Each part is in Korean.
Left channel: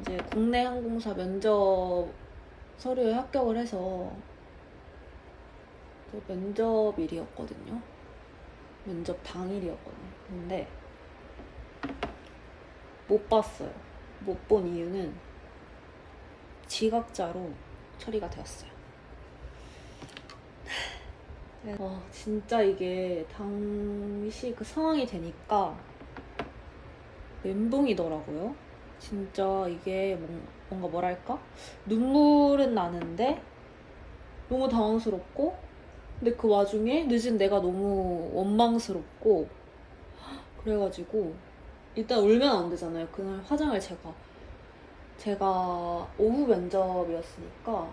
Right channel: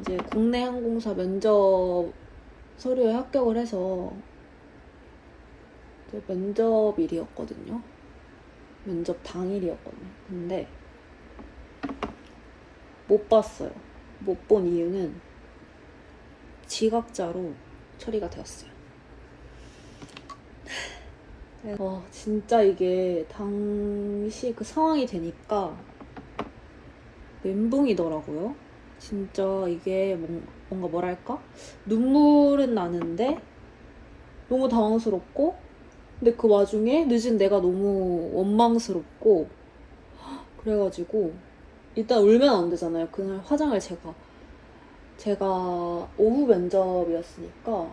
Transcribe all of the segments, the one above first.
이제 국내 항공사 면접 서류에 합격을 해서 면접일이었거든요. 면접 당일이었거든요. 근데 못 봤어요. 못 본 이유는 지각자로 처리가 되었어요. 와, 진짜 이게 당시 그 상황이 되니까 멘붕이더라고요. 진짜 이게 뭔- 뭔가 뭐랄까? 눈물은 나는데 너무 당황스럽고 근데 그 와중에 늦은 내가 너무 원망스럽고 그래가지고 일단 울면 안 되잖아요. 그날 화장을 제가 제가 오후 면접이었으니까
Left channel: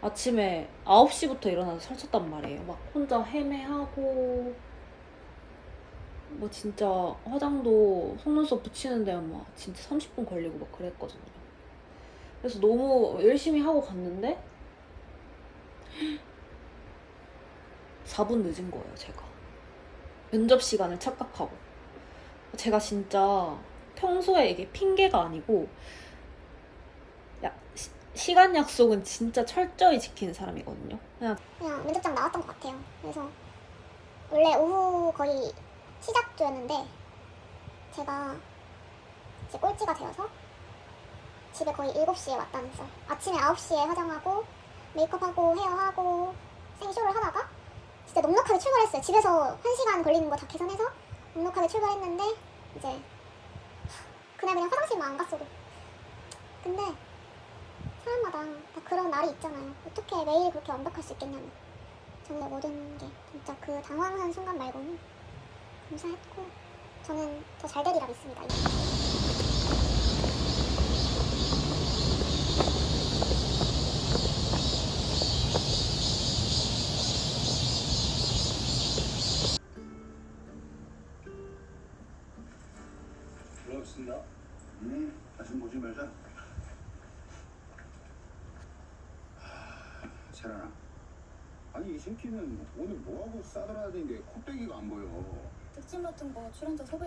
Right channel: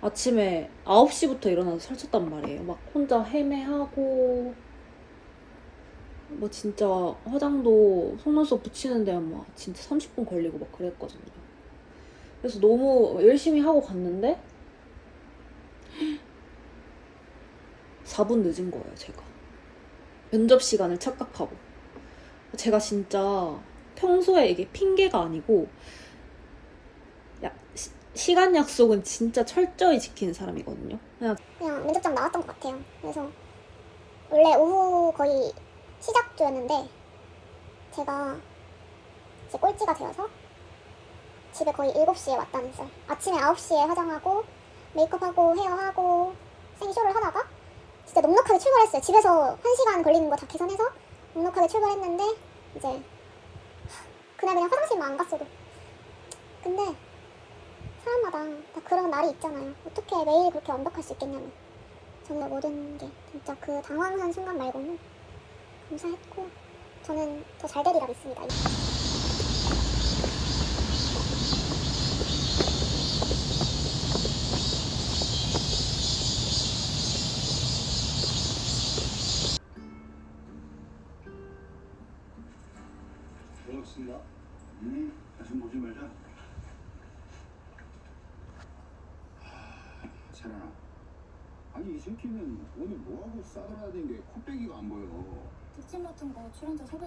아침에 9시부터 일어나서 설쳤단 말이에요. 막 혼자 헤매하고 뭐 진짜 화장도 속눈썹 붙이는데 막 진짜 30분 걸리고 막 그랬거든요. 그래서 너무 열심히 하고 갔는데 4분 늦은 거예요, 제가. 면접 시간을 착각하고. 제가 진짜 평소에 이게 핑계가 아니고 야, 시, 시간 약속은 진짜 철저히 지키는 사람이거든요. 그냥 그냥 면접장 나왔던 것 같아요. 그래서 원래 오후 거의 시작주였는데 제가 이제 꼴찌가 되어서 집에 거의 7시에 왔다면서요. 아침에 9시에 화장하고 메이크업하고 헤어하고 생쇼를 하다가 진짜 넉넉하게 출발했어요. 집에서 1시간 걸리는 거 다 계산해서 넉넉하게 출발했는데 이제 그날 그냥 화장실만 안 갔어도 근데 사람마다 다 그런 날이 있잖아요. 어떻게 매일 그렇게 완벽할 수 있겠냐면 정말 모든 게 진짜 그 당황한 순간 말고는 감사했고 저는 더 잘 되리라 믿습니다. 고맙습니다. 음, 다시 보지 말자. 하, 세란아. 아니 이 새끼는 오늘 뭐하고 싸돌아다니는 게 코빼기가 안 보여. 특집 같은 거 출연자 소개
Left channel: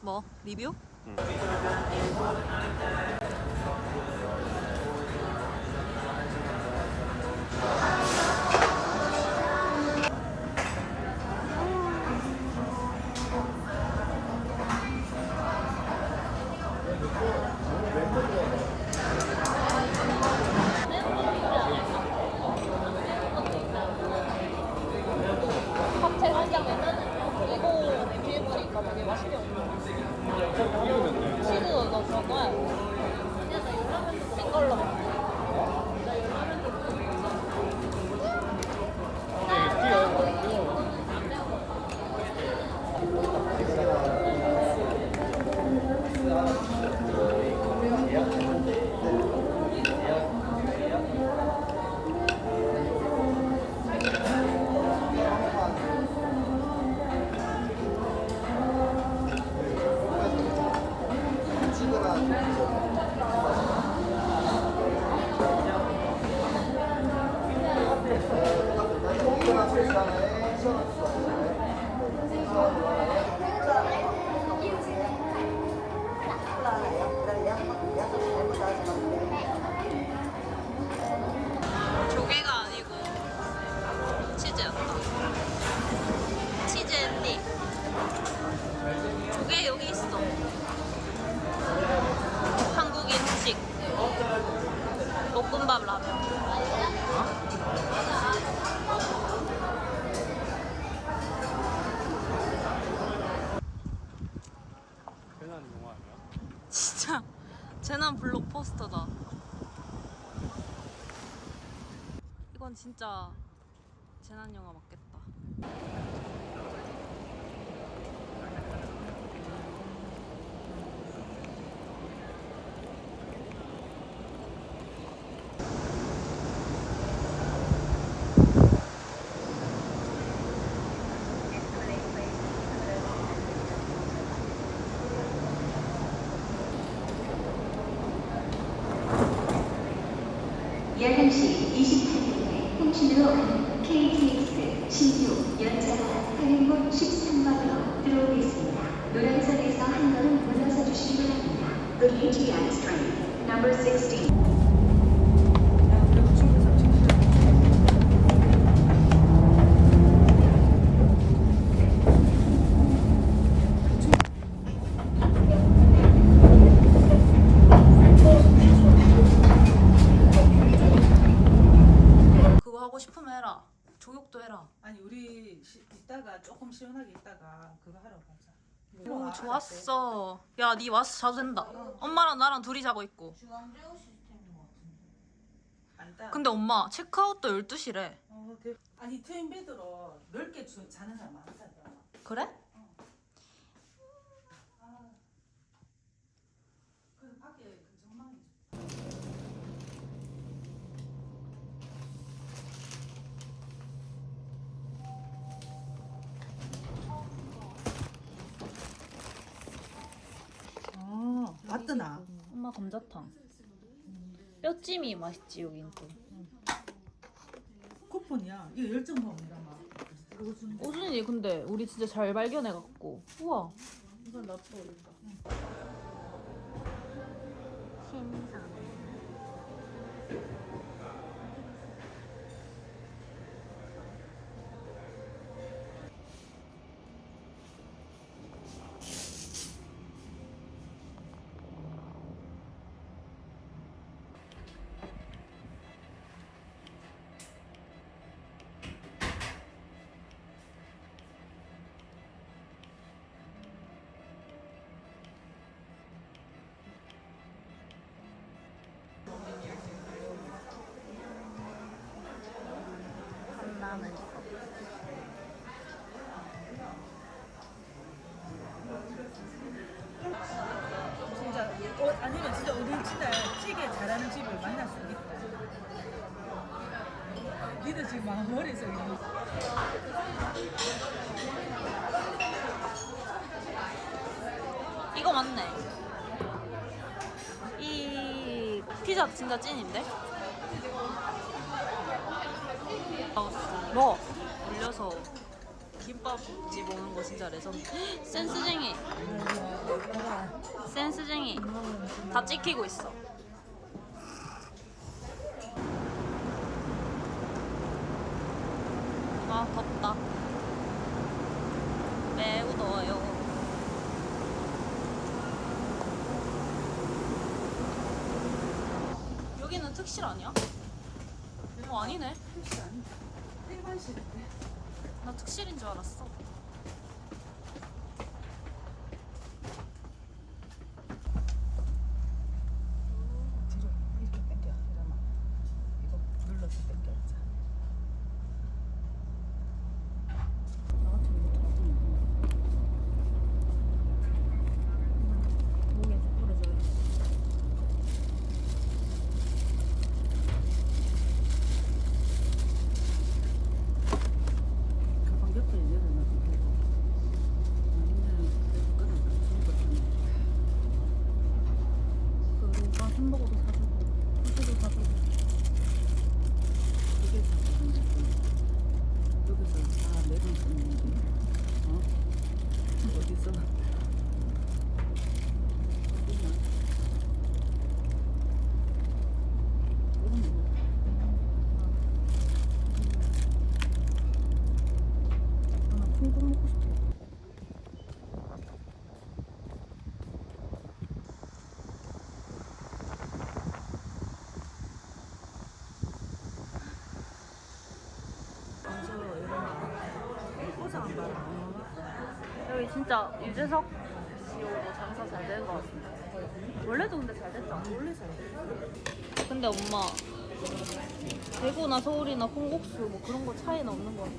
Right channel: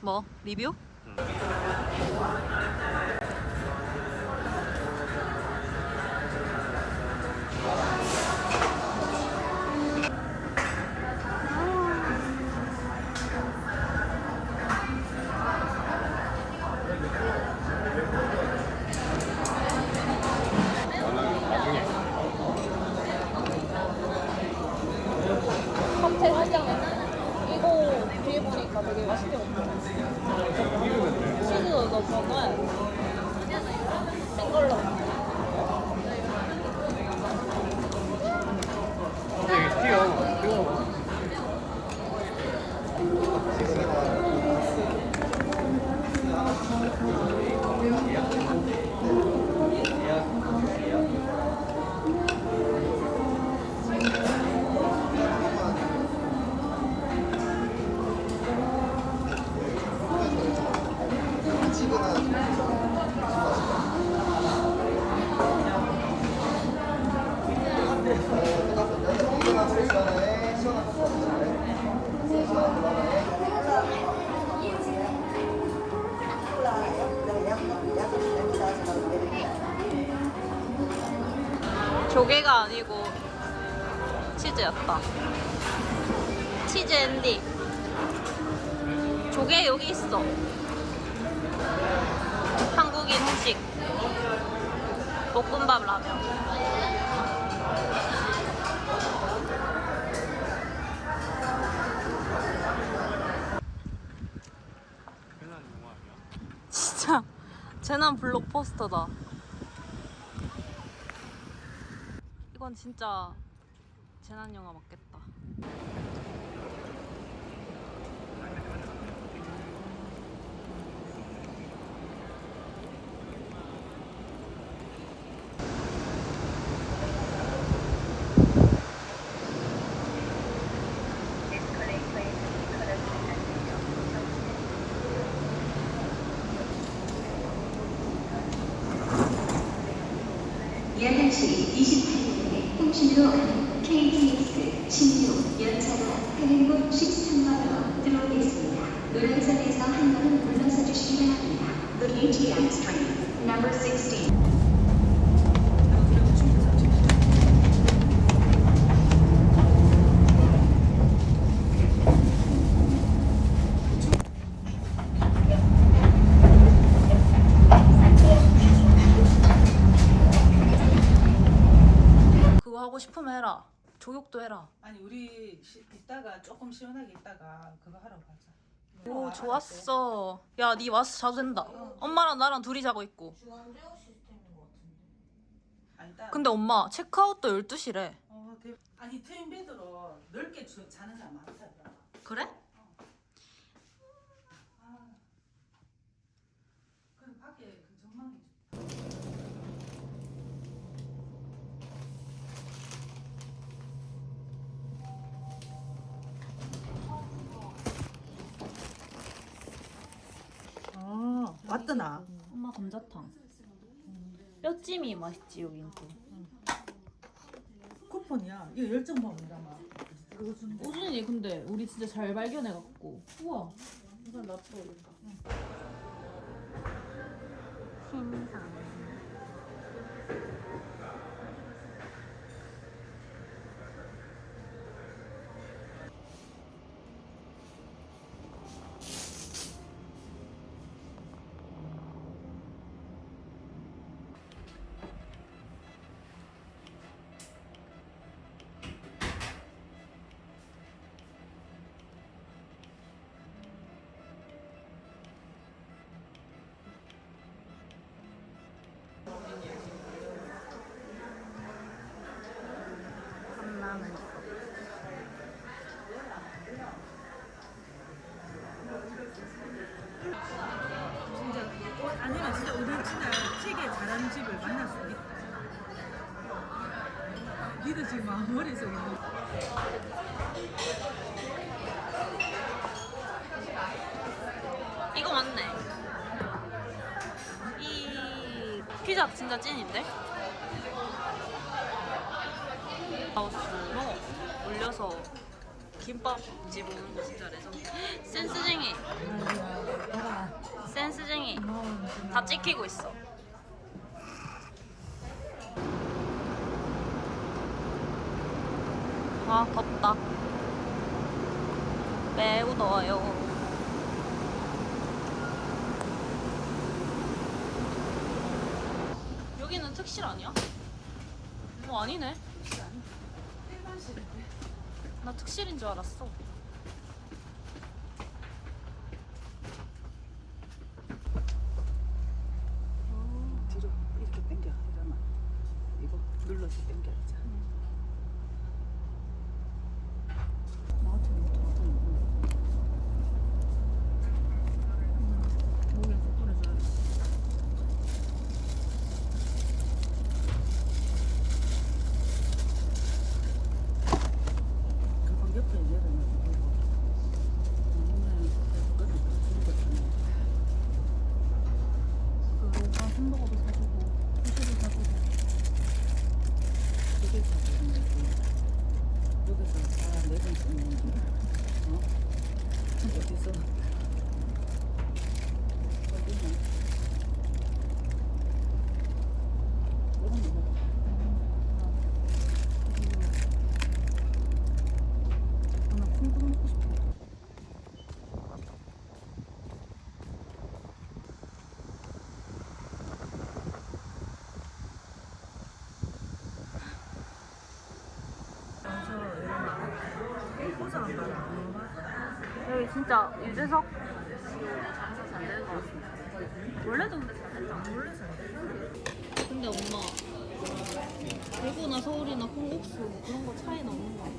뭐 리뷰? 칵 생걸로. 앤디였다. 치즈 앤디. 조개 여기 있어. 한국인 후식. 볶음밥 라면. 진짜 재난 블록 포스터다. 이건 진짜 재난 영화 맞겠다. 약 1시 28분에 통신으로 가는 KTX 신유 연차가 타행곡 13번으로 들어오겠습니다. 노란선에서 한 걸음 물러서 주시기 바랍니다. The KTX train number 16. 그거 하고 싶으면 해라. 조욕도 해라. 아니 우리 시, 이따가 조금 시원하게 있다가 그거 하러 가자. 오 좋았어. 야 니 와서 자도 된다. 엄마랑 나랑 둘이 자고 있고. 근데 엄마 체크아웃도 12시래. 어, 대- 아니 트윈 베드로 넓게 주, 자는 사람 많잖아. 그래? 그럼 밖에 그 전망이 어, 왔더나. 엄마 감자탕. 뼈찜이 맛있지 여긴 또. 쿠폰이야. 이거 열정 먹는다 막. 오준이 근데 우리 진짜 잘 발견해 갖고. 우와. 이건 놔둬 이거. 신상. 머릿속에 이거 맞네. 이 피자 진짜 찐인데? 마우스 뭐 올려서 김밥집 오는 거 진짜 레전드. 센스쟁이. 센스쟁이. 다 찍히고 있어. 아 덥다. 매우 더워요. 여기는 특실 아니야? 어 아니네. 특실 아니야. 일반실인데. 나 특실인 줄 알았어. 뒤로 이렇게 당겨. 이거 눌러서 당겨야지. 목에서 뿌려줘야 돼. 가방 옆에 열어놓고 여기 진짜 유재석 씨도 장사 잘 되는 것 같습니다. 원래도 근데 잘 된다. 원래 잘 돼. 근데 엄마 대구나 서울이나 콩국수 뭐 그런 거 차이는 없는 것 같아.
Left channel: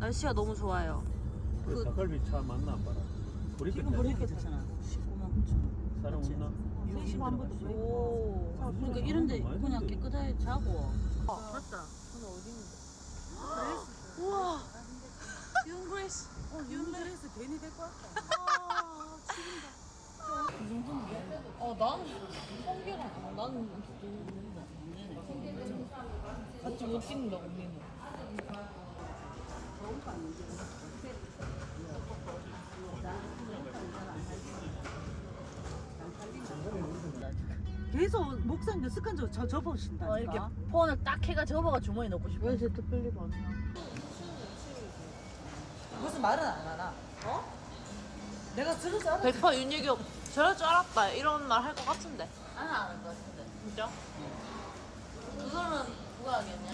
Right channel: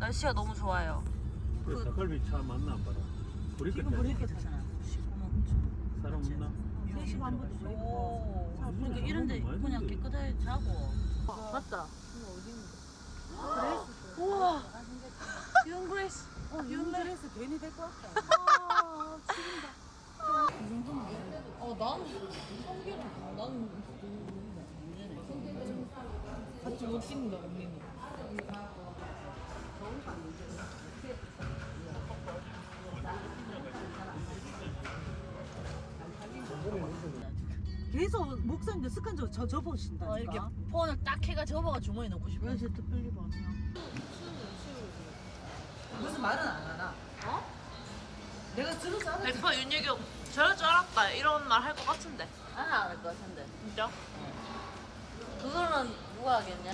날씨가 너무 좋아요. 그 닭갈비 차 맞나 안 봐라. 우리 지금 버리니까 되잖아. 사람 없나? 3시 반부터 버리고. 그러니까 오. 이런데 그냥. 깨끗하게 자고. 맞다. 이런 거에서 어, 이런 거에서 괜히 될것 같다. 이 정도면 돼. 어, 나는 성기랑 나는 같이 못 찍는다, 언니는. 계속 목상 몇 습관적으로 저 접으신다. 어, 이렇게 폰을 딱 해가 접어가 주머니 넣고 싶어. 왜 제트 필립 아니야? 무슨 말은 안 하나? 어? 내가 들었어. 100% 윤유교 저럴 줄 알았다. 이런 말 할 것 같은데. 안할것 같은데. 진짜? 그거는 누가 하겠냐?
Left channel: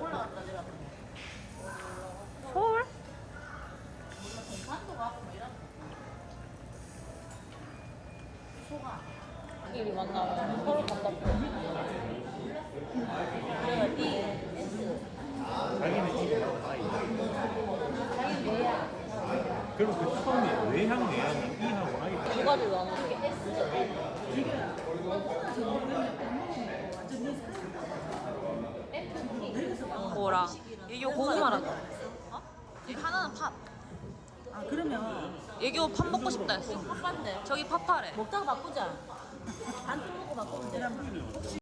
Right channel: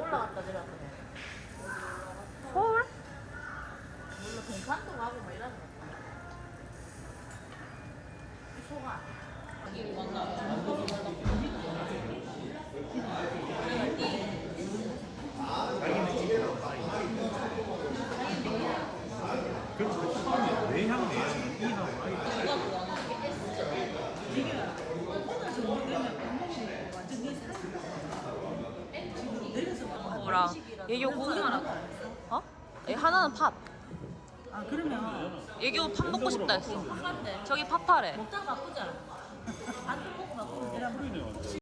올라갔다 내려갔다. 서울? 부산도 가고 뭐 이런. 소가. 여기 만나. 그럼 그 뚜껑이 외향 내야 이하고 하기 누가 좋아하는 밥. 거랑 얘교 고구마랑 어? 얘 하나는 팥. 아 그러면 얘교 팥 먹고 싶다 했어. 저기 팥파래. 먹다 바꾸자. 안 먹고 바꾸면.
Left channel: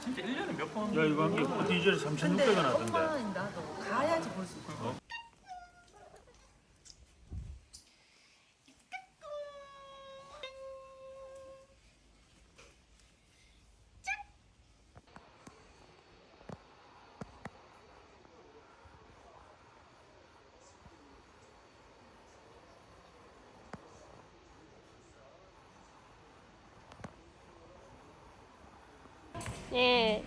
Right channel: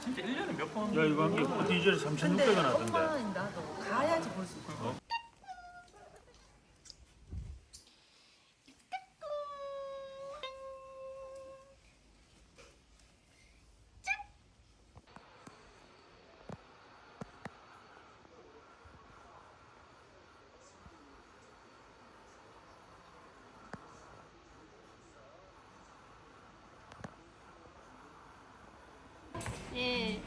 진짜 1년에 몇 번? 야 이거 한 개 디젤 3,600원 하던데. 나도 가야지 볼수 있어. 예.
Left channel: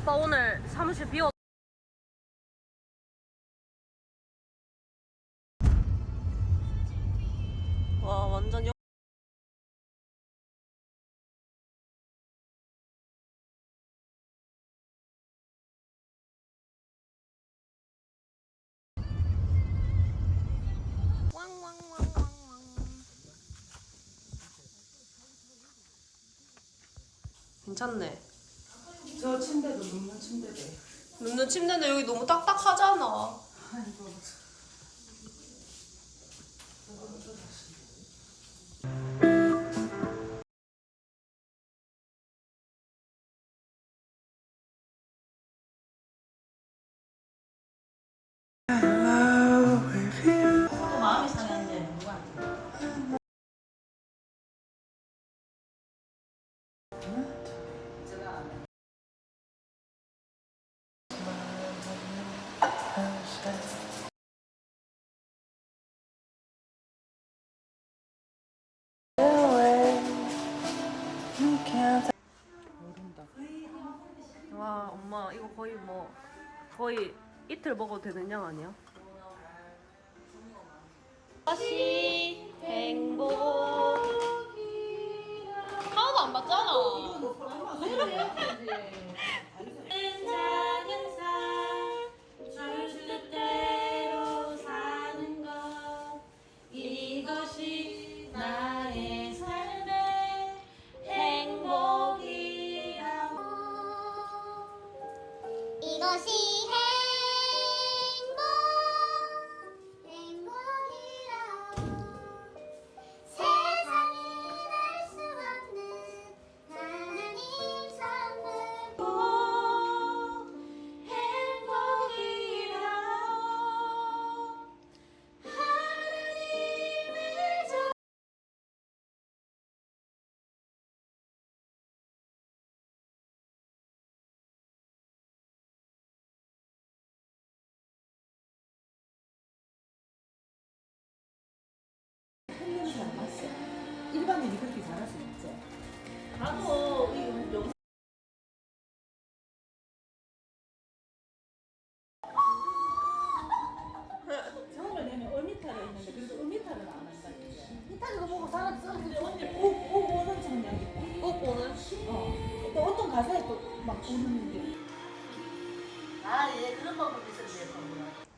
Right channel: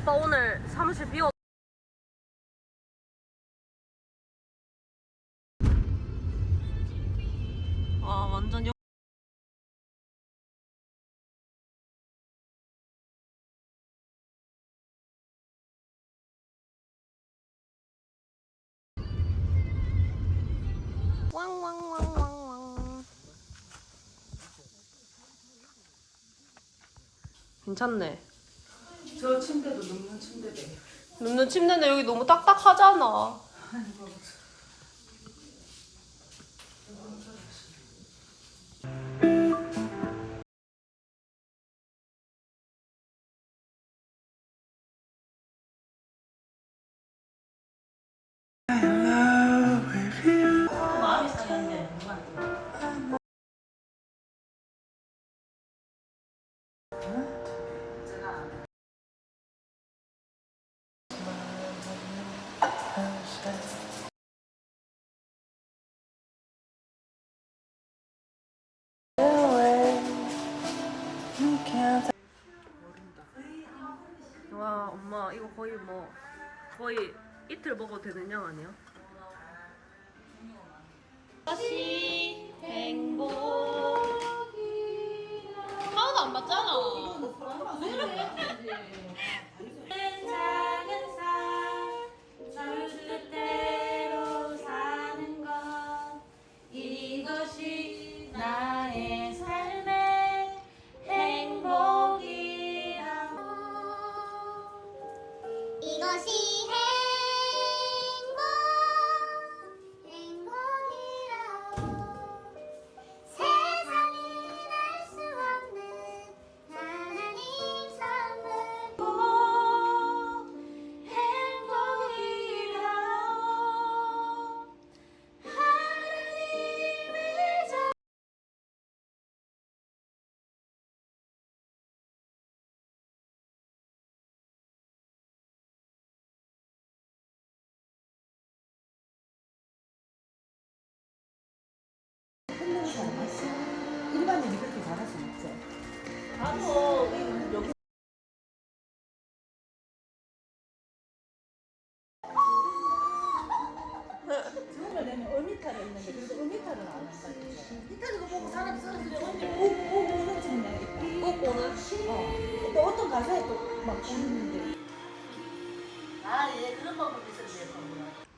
아빠 오늘 사무실 비워. 와 완전 영. 괜찮네. 저 침대도 눕는 침대대. 눕는 침대인데 여기 너무 딱딱하잖아. 마음이 와 엄마 이거 거의 뭐 거의 이틀 먹어도 되는 양 아니야? 다시 행복. 하나도 안 받잖아 사람들이 그렇게 잘할 수 있지. 하고 여기 정말 내는 어미타가 있는데 그래도 어미타를 안 한다. 이탈 이거 보고 사람 사람들이 언니 오오 오는 장면이 꼭 오는 어. 또 어떤 가사에 또막 오는데. 아, 예, 그런 방법이 있었네, 방금.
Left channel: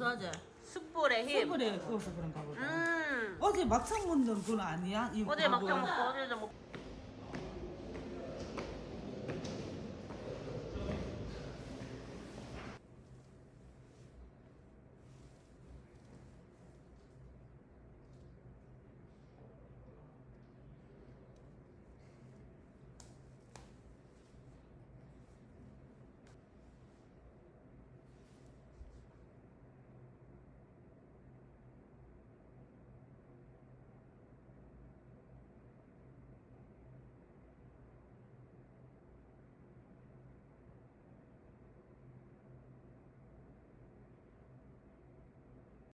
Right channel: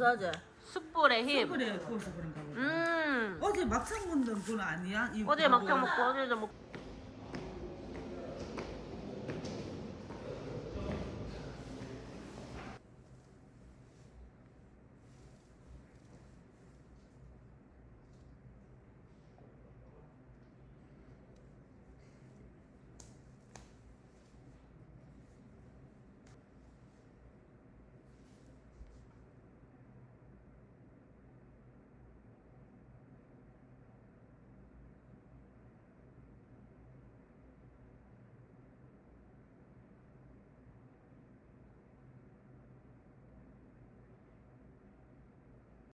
음 고사제 숯불의 힘 그래, 구워서 그런가 보다. 음 어제 막창 먹는 건 아니야? 이 어제 막창? 먹고 어제 좀 먹고